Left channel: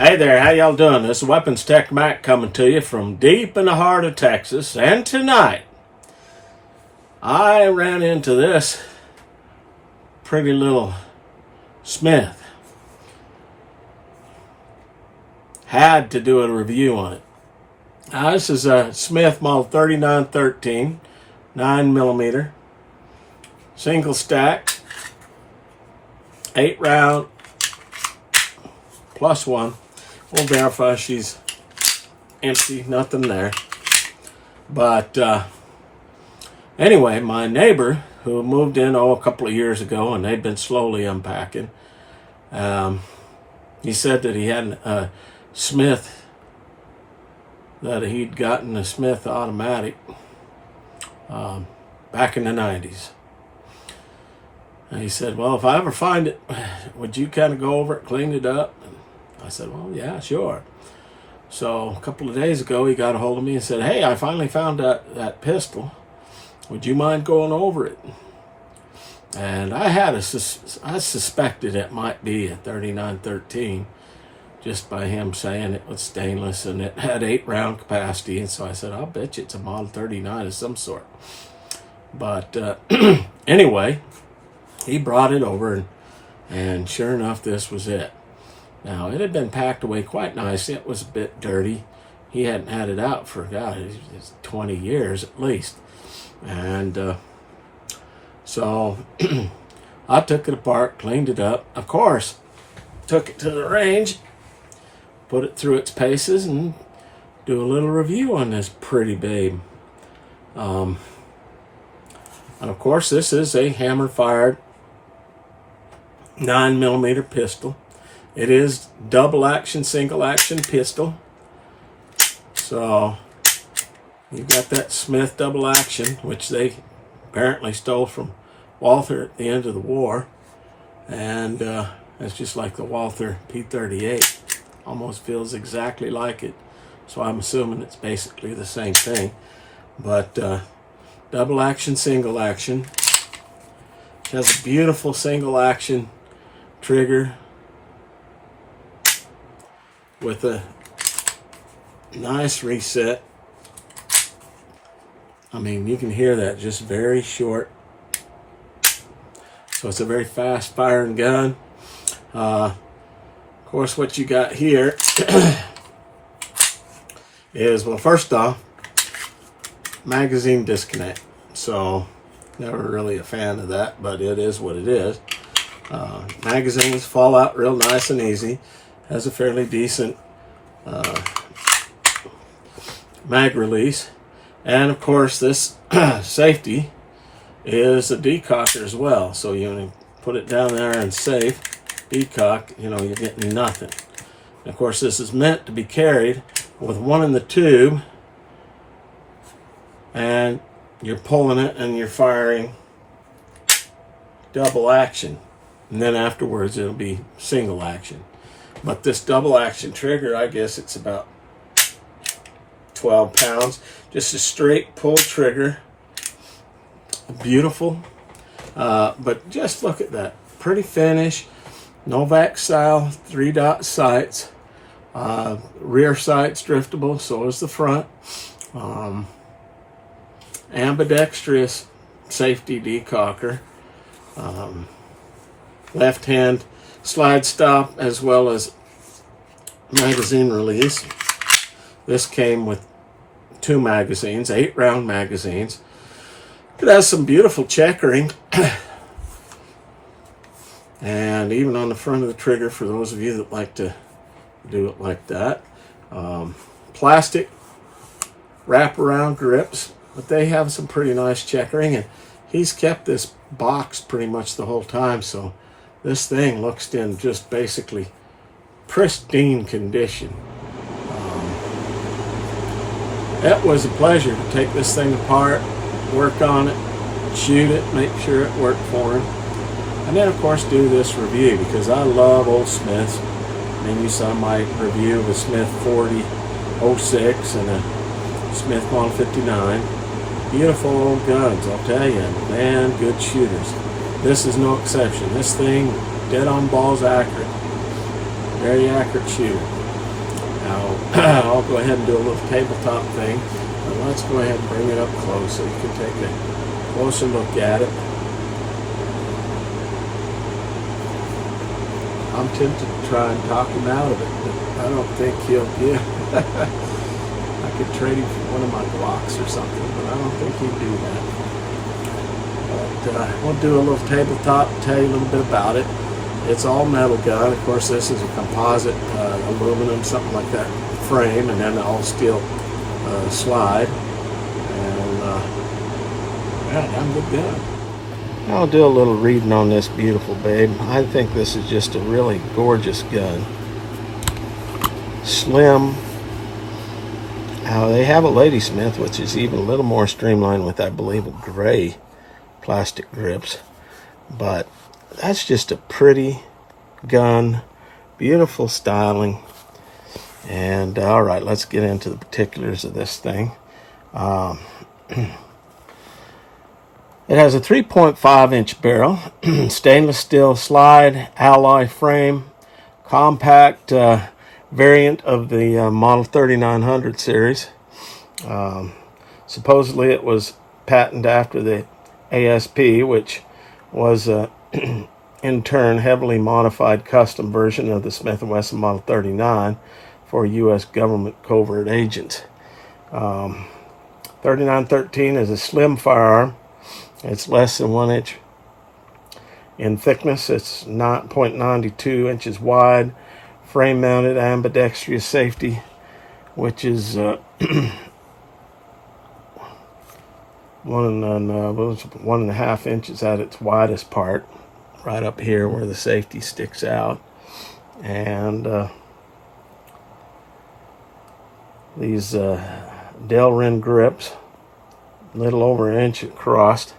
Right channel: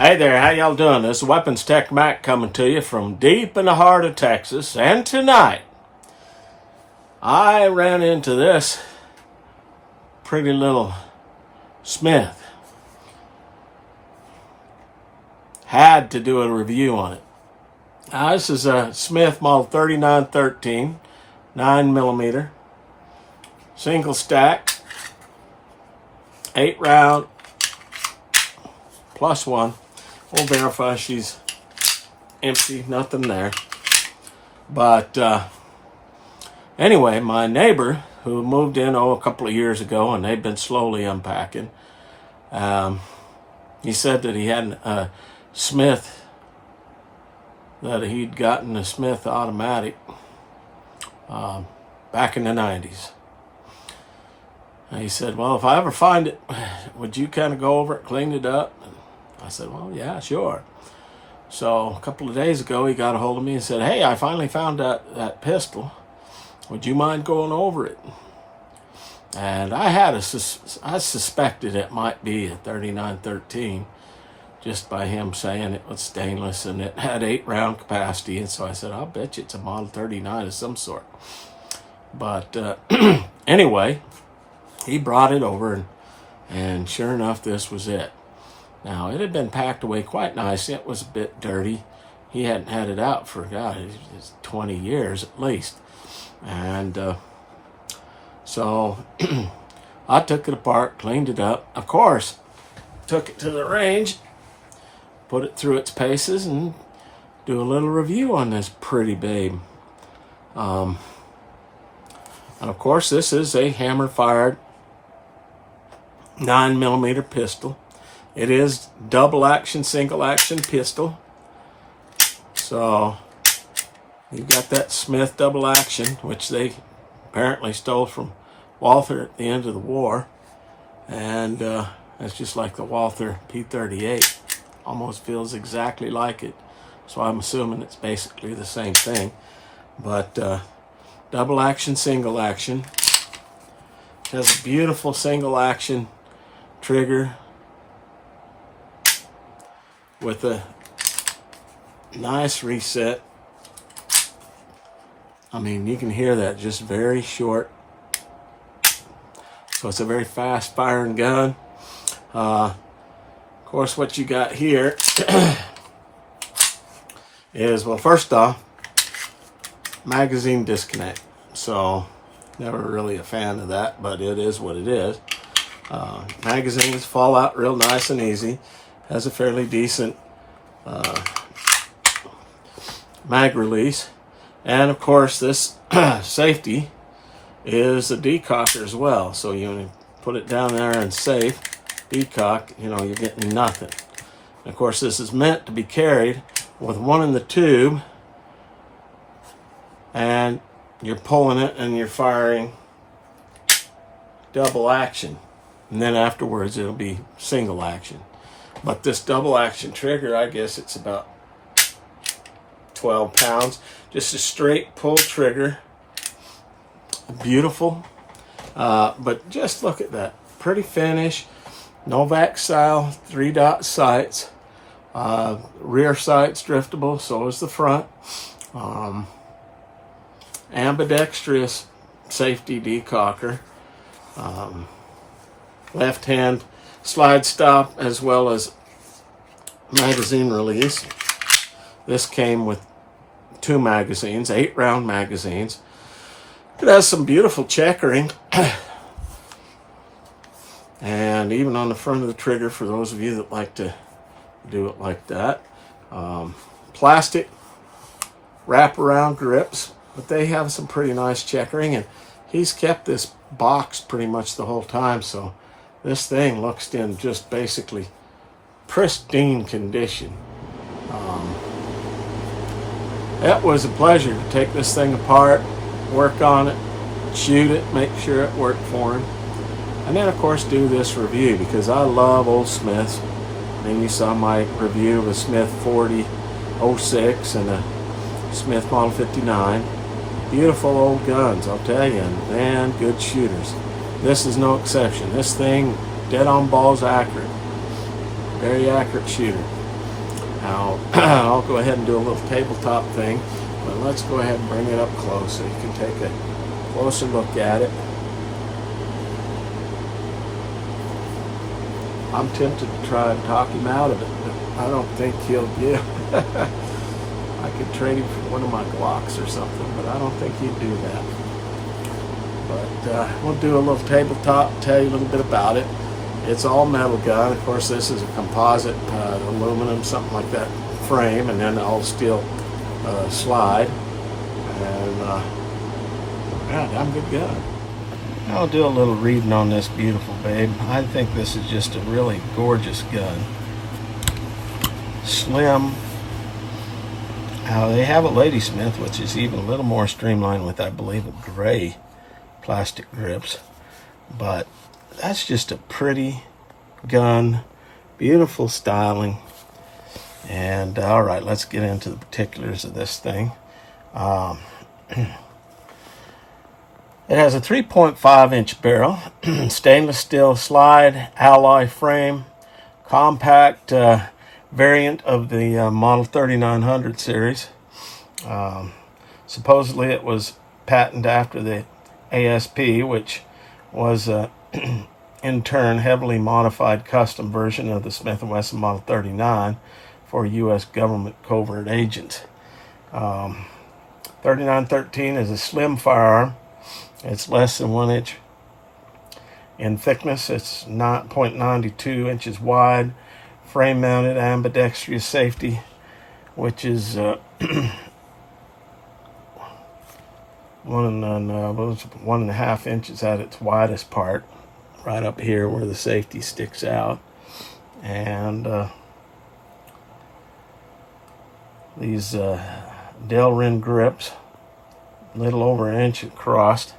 Hey there, how y'all doing? This is Weapons Tech Mac coming to you from deep in the heart of Texas. And tonight, I ran into this pretty little Smith. Had to do a review on it. This is a Smith Model 3913, 9mm, single stack, 8 round, plus one. We'll verify she's empty, nothing there. But anyway, my neighbor who moved in a couple of years ago, and they've been slowly unpacking, he said that he had a Smith, that he'd gotten a Smith automatic back in the 90s. And he said, well, if I ever find it, would you kind of go over it, clean it up? And I said, well, yeah, sure. So a couple of days ago, he got a hold of me and said, hey, I finally found that pistol. Would you mind going over it? And I suspected it might be a 3913 just by him saying it was stainless and it had 8 round capacity. And so I said, I'll bet you it's a Model 39 of some sort. But anyway, he brought it over and sure enough, this was it. Now, it had been packed away quite nice. It was a bit dirty. He hadn't had it out for, God, it's 20 years at least. And so I took it apart, cleaned it up. Of course, took it to the range, put it through its paces, and do a little review on this pretty babe. And of course, this is a hammer-fired 9mm pistol. It is double action, single action pistol. So you've got that Smith double action, which they apparently stole from Walther at the end of the war. And it's just like the Walther P38. Almost feels exactly like it. So I'm assuming it's basically the same thing. But double action, single action. It has a beautiful single action trigger with a nice reset. I mean, you can hear that, just very short. So it's a very fast firing gun. Of course, what you got here is, well, first off, magazine disconnect. So never really a fan of that, but it is what it is. Magazines fall out real nice and easy. Has a fairly decent mag release. And of course, this safety is a decocker as well. So you put it down there and safe, decock, you're getting nothing. And of course, this is meant to be carried with one in the tube, and you're pulling it and you're firing double action. And then afterwards, it'll be single action. But this double action trigger, I guess it's about 12 pounds. Just a straight pull trigger. Beautiful. But just look at that. Pretty finish. Novak style 3-dot sights. Rear sights driftable, so is the front. Ambidextrous safety decocker. Left hand slide stop as well as magazine release. This came with 2 magazines, 8 round magazines. It has some beautiful checkering. And even on the front of the trigger, for those of you that like to do it like that. Plastic wraparound grips, but they have some pretty nice checkering, and he's kept this box pretty much the whole time, so this thing looks in just basically pristine condition. It was a pleasure to take this thing apart, work on it, shoot it, make sure it worked for him, and then of course do this review because I love old Smiths. And then you saw my review of a Smith 4006 and a Smith Model 59. Beautiful old guns, I'll tell you, and damn good shooters. This is no exception. This thing, dead on balls accurate. Very accurate shooter. Now, I'll go ahead and do a little tabletop thing, but let's go ahead and bring it up close so you can take a closer look at it. I'm tempted to try and talk him out of it, but I don't think he'll give. I could trade him for one of my Glocks or something, but I don't think he'd do that. But we'll do a little tabletop, tell you a little bit about it. It's all metal gun. Of course, this is a composite, aluminum, something like that frame, and then all steel slide. And yeah, damn good gun. I'll do a little reading on this beautiful babe. I think this is just a really gorgeous gun. Slim. They have a Ladysmith, which is even a little more streamlined with, I believe, gray plastic grips. But that's just a pretty gun, beautiful styling. And all right, let's get into the particulars of this thing. It has a 3.5-inch barrel, stainless steel slide, alloy frame, compact variant of the Model 3900 series. Supposedly it was patented after the ASP, which was in turn heavily modified custom version of the Smith&Wesson Model 39 for U.S. government covert agents. 3913 is a slim firearm. It's less than 1 inch in thickness. It's 0.92 inches wide. Frame mounted ambidextrous safety, which is 1.5 inches at its widest part, right up here where the safety sticks out. And these Delrin grips, a little over 1 inch across.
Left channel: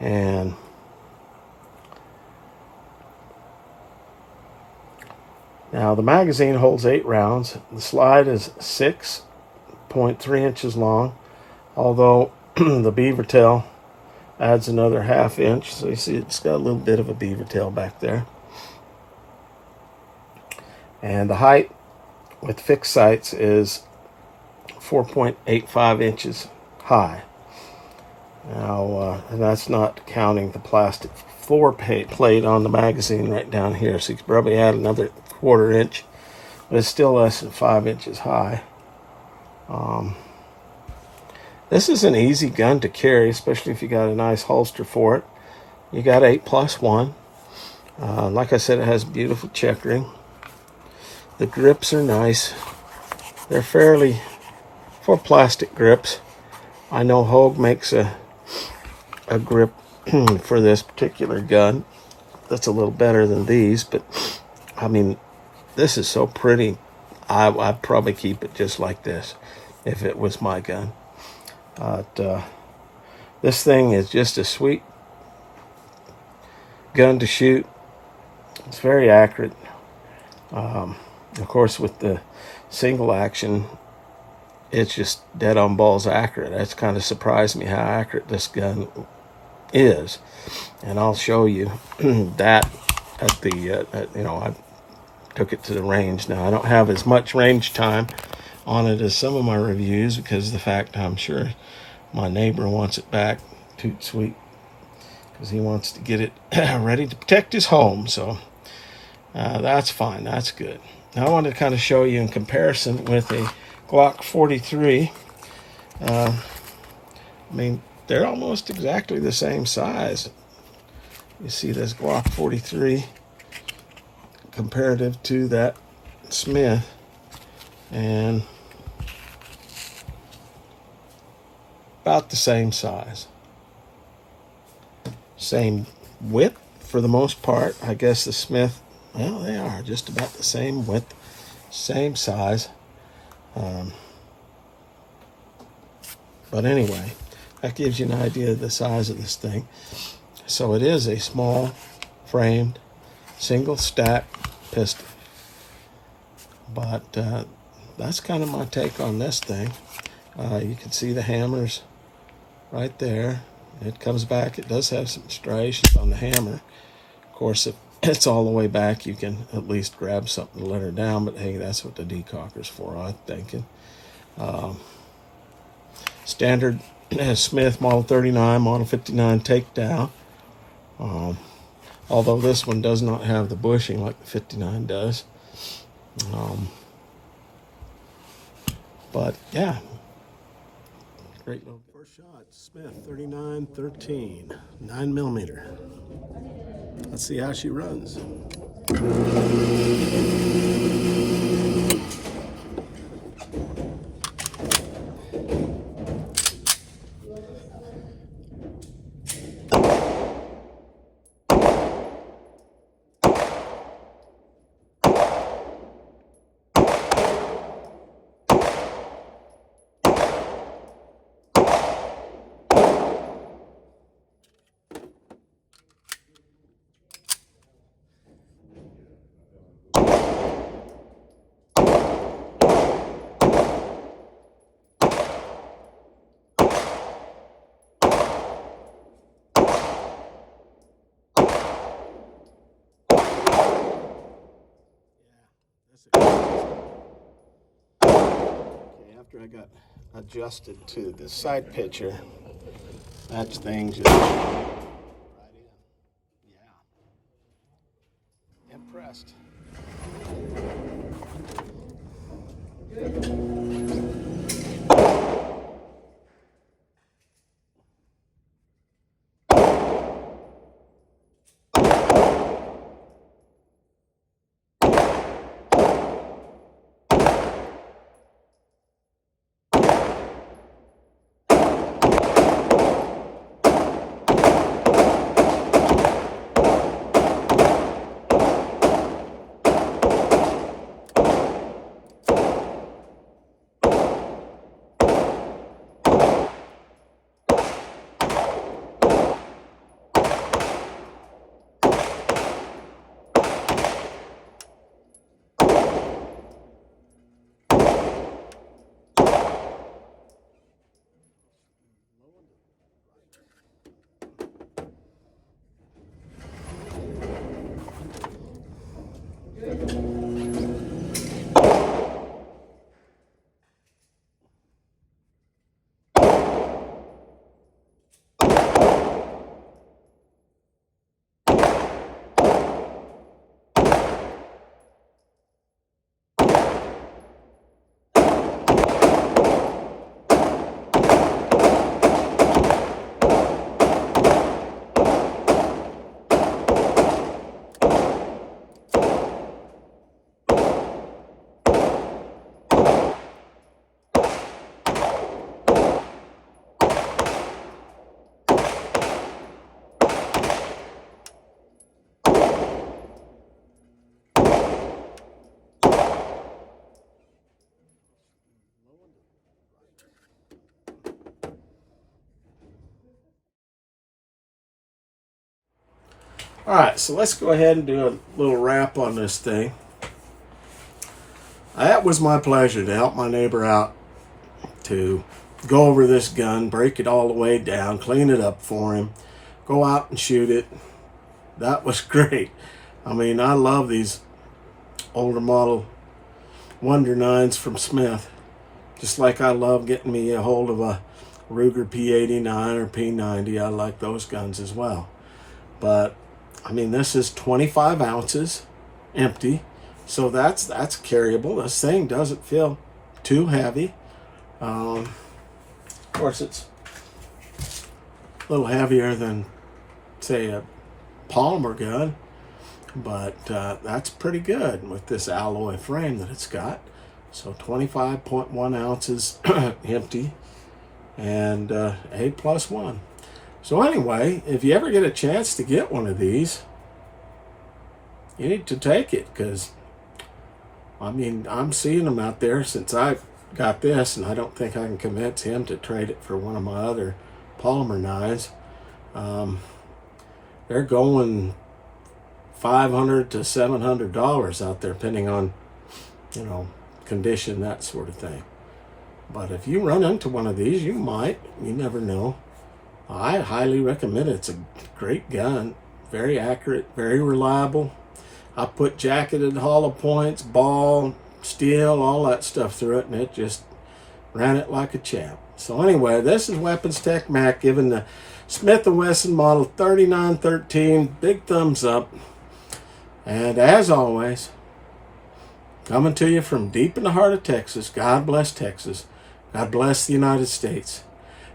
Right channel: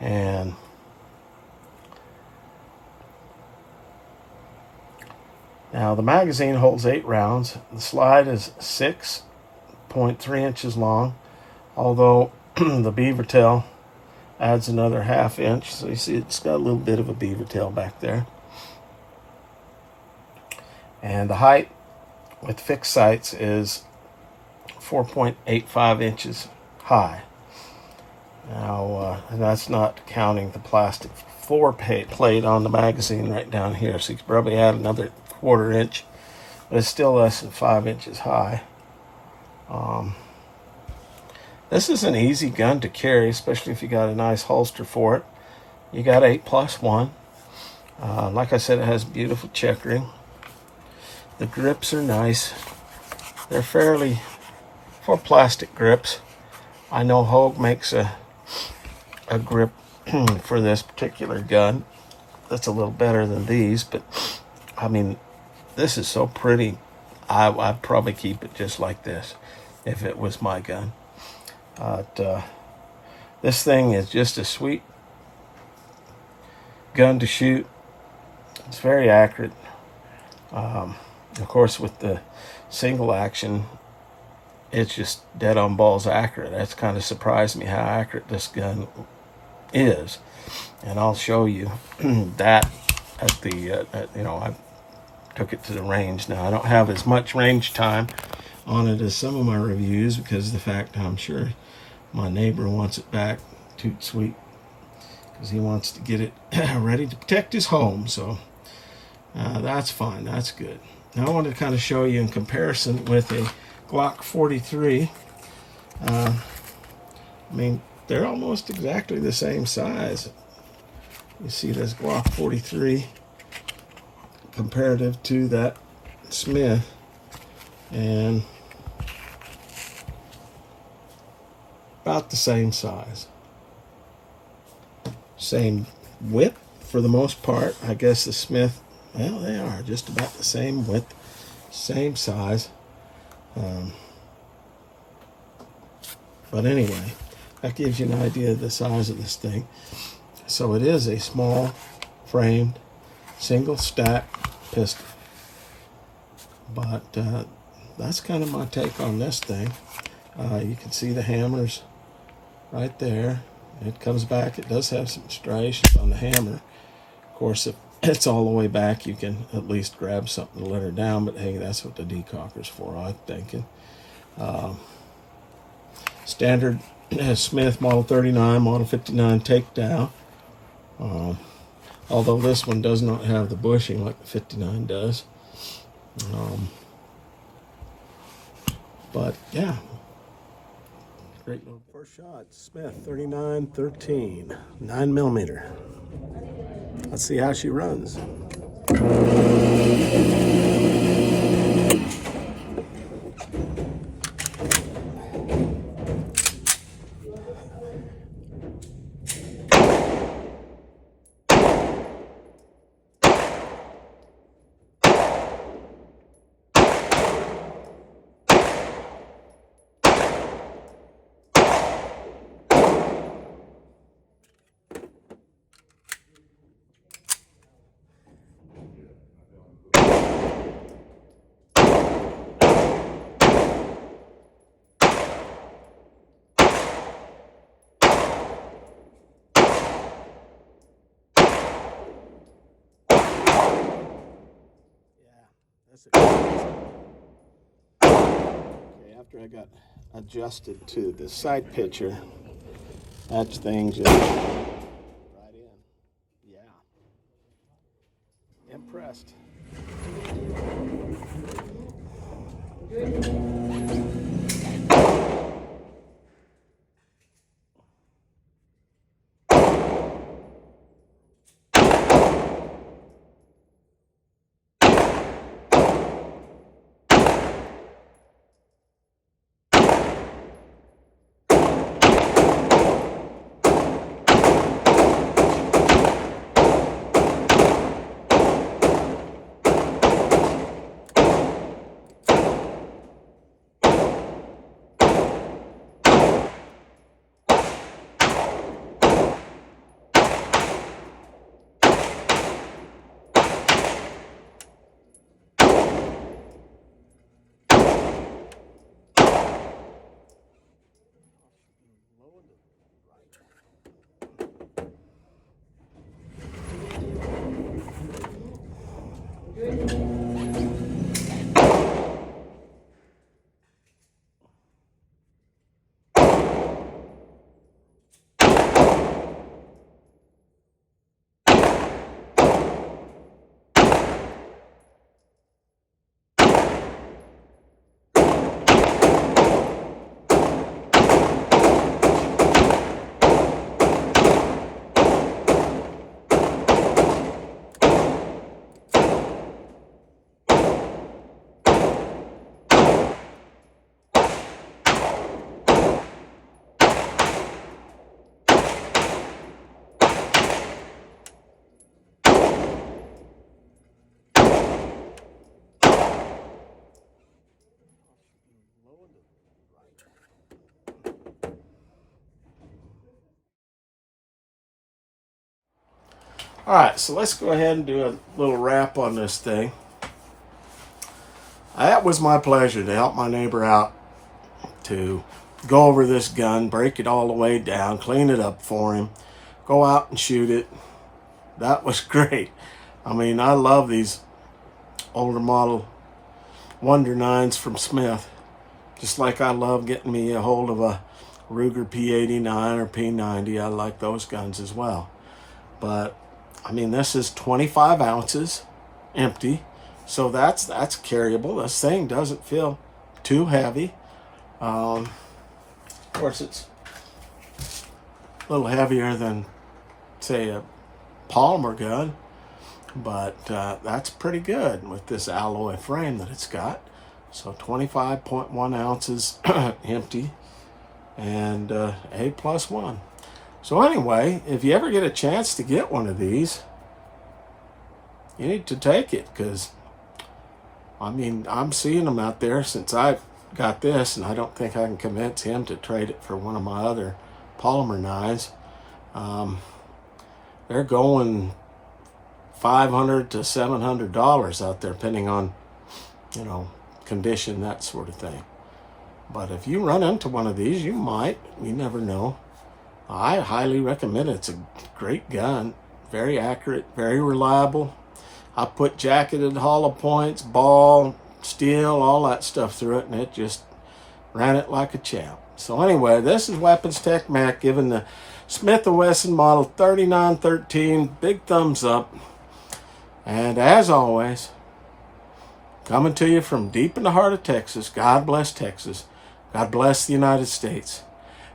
And now the magazine holds 8 rounds. The slide is 6.3 inches long, although the beaver tail adds another 1/2 inch. So you see it's got a little bit of a beaver tail back there. And the height with fixed sights is 4.85 inches high. Now, that's not counting the plastic floor plate on the magazine right down here, so you could probably add another 1/4 inch, but it's still less than 5 inches high. This is an easy gun to carry, especially if you got a nice holster for it. You got 8+1. Like I said, it has beautiful checkering. The grips are nice. They're fairly full plastic grips. I know Hogue makes a grip for this particular gun that's a little better than these, but I mean, this is so pretty. I'd probably keep it just like this if it was my gun. But this thing is just a sweet gun to shoot. It's very accurate. Of course, with the single action, it's just dead on balls accurate. That's kind of surprised me how accurate this gun is, and I'll show you that at the I took it to the range. Now I don't have as much range time on it as some of my reviews because of the fact I'm sure my neighbor wants it back. Toot sweet, because he wants to get it ready to protect his home. So that's fine. That's good. Now I want to kind of show you in comparison with a Glock 43. I mean, they're almost exactly the same size. You see this Glock 43 comparative to that Smith, and about the same size. Same width for the most part. I guess the Smith, well, they are just about the same width, same size. But anyway, that gives you an idea of the size of this thing. So it is a small framed single stack pistol. But that's kind of my take on this thing. You can see the hammers right there. It comes back. It does have some striations on the hammer. Of course, if it's all the way back, you can at least grab something to let her down. But hey, that's what the decocker's for, I'm thinking. Standard Smith Model 39, Model 59 takedown. Although this one does not have the bushing like the 59 does. But yeah, great little first shot. Smith 3913, 9mm. Let's see how she runs. Okay, after I got adjusted to the side picture, that thing just right in. Yeah. Impressed. All right, so let's go ahead and do a little wrap on this thing. That was my pleasure to help my neighbor out, to go over this gun, break it all the way down, clean it up for him, go out and shoot it. That was great. I mean, I love these older model Wonder 9s from Smith, just like I love getting me a hold of a Ruger P89 or P90. I like those guns as well. But I mean, this is 25 ounces empty, so that's carryable. This thing doesn't feel too heavy. Of course, it's a little heavier than, say, a Palmer gun, but that's pretty good with this alloy frame that it's got. So 25.1 ounces empty, and A+1. So anyway, if you ever get a chance to get one of these, you need to take it, because I mean, I'm seeing them out there since I got this, and I don't think I can convince him to trade it for one of my other Palmer 9s. They're going $500 to $700 out there, depending on, you know, condition, that sort of thing. But if you run into one of these, you might. You never know. I highly recommend it. It's a great gun, very accurate, very reliable. I put jacketed hollow points, ball, steel, all that stuff through it, and it just ran it like a champ. So anyway, this is Weapons Tech Mac giving the Smith&Wesson Model 3913 big thumbs up. And as always, coming to you from deep in the heart of Texas, God bless Texas. God bless the United States.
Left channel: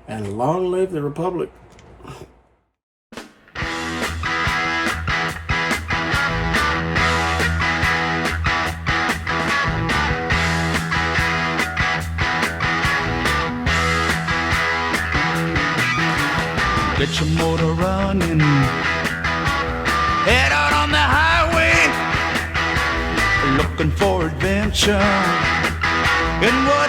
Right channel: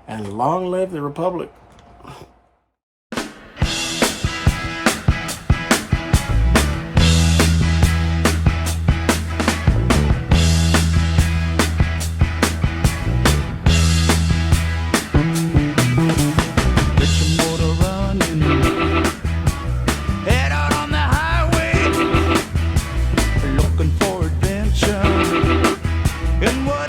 And long live the Republic. Get your motor running, head out on the highway, looking for adventure. And what